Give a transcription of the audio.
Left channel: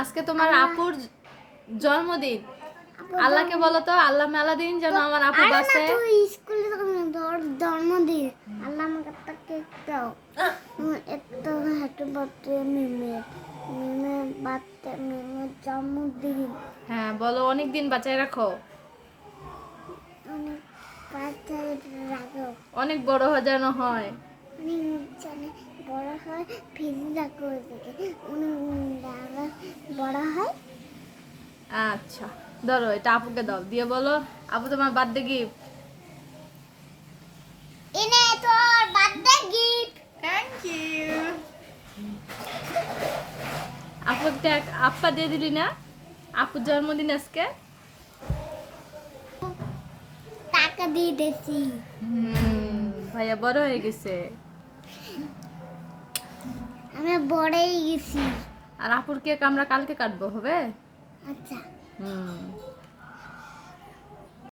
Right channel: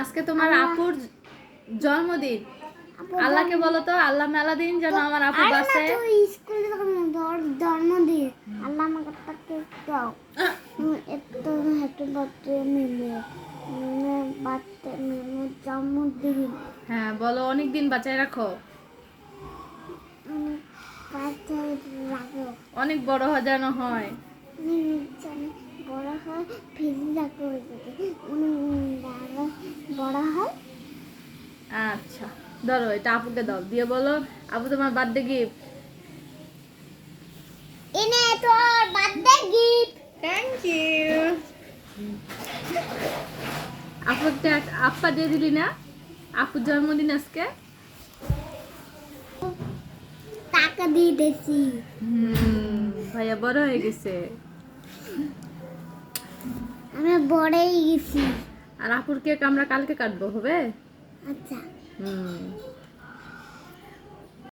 আজকে তোমার আপুর জন্মদিন। আল্লাহকে বলো তো, আল্লাহ মেলা দিন যেন আমার আপু বাঁচে। আরে না, তুই স্কুলে জন্মদিন আল্লাহ আমাকে একটা কেক দাও। এত হ্যাপি বার্থডে মিমে, মিমে বার্থডে, মিমের জন্মদিন। হ্যাঁ বলো, অনেক দিন বাঁচায় রাখো, অনেক বাচ্চাই রাখো, অনেক বড় যেন হয়। অনেক বড় হয়, ফিরে রাখো, অনেক বড় হয়। আচ্ছা ধরো, এটা আপুকে দাও, দিয়ে বলো আপু তোমার বার্থডে গিফট। এনে তোর বার্থডে গিফট। Thank you. আপু একটা আপা দিয়ে দিলি না, আপুর জন্মদিন আজকে। টাকা দিয়ে দিয়েছি। ভাইয়া বড় হয়ে গেছে। আমি বড়ই গেছি। আর আপুর কেক আমরা কালকে কাটবো, হবে? আচ্ছা।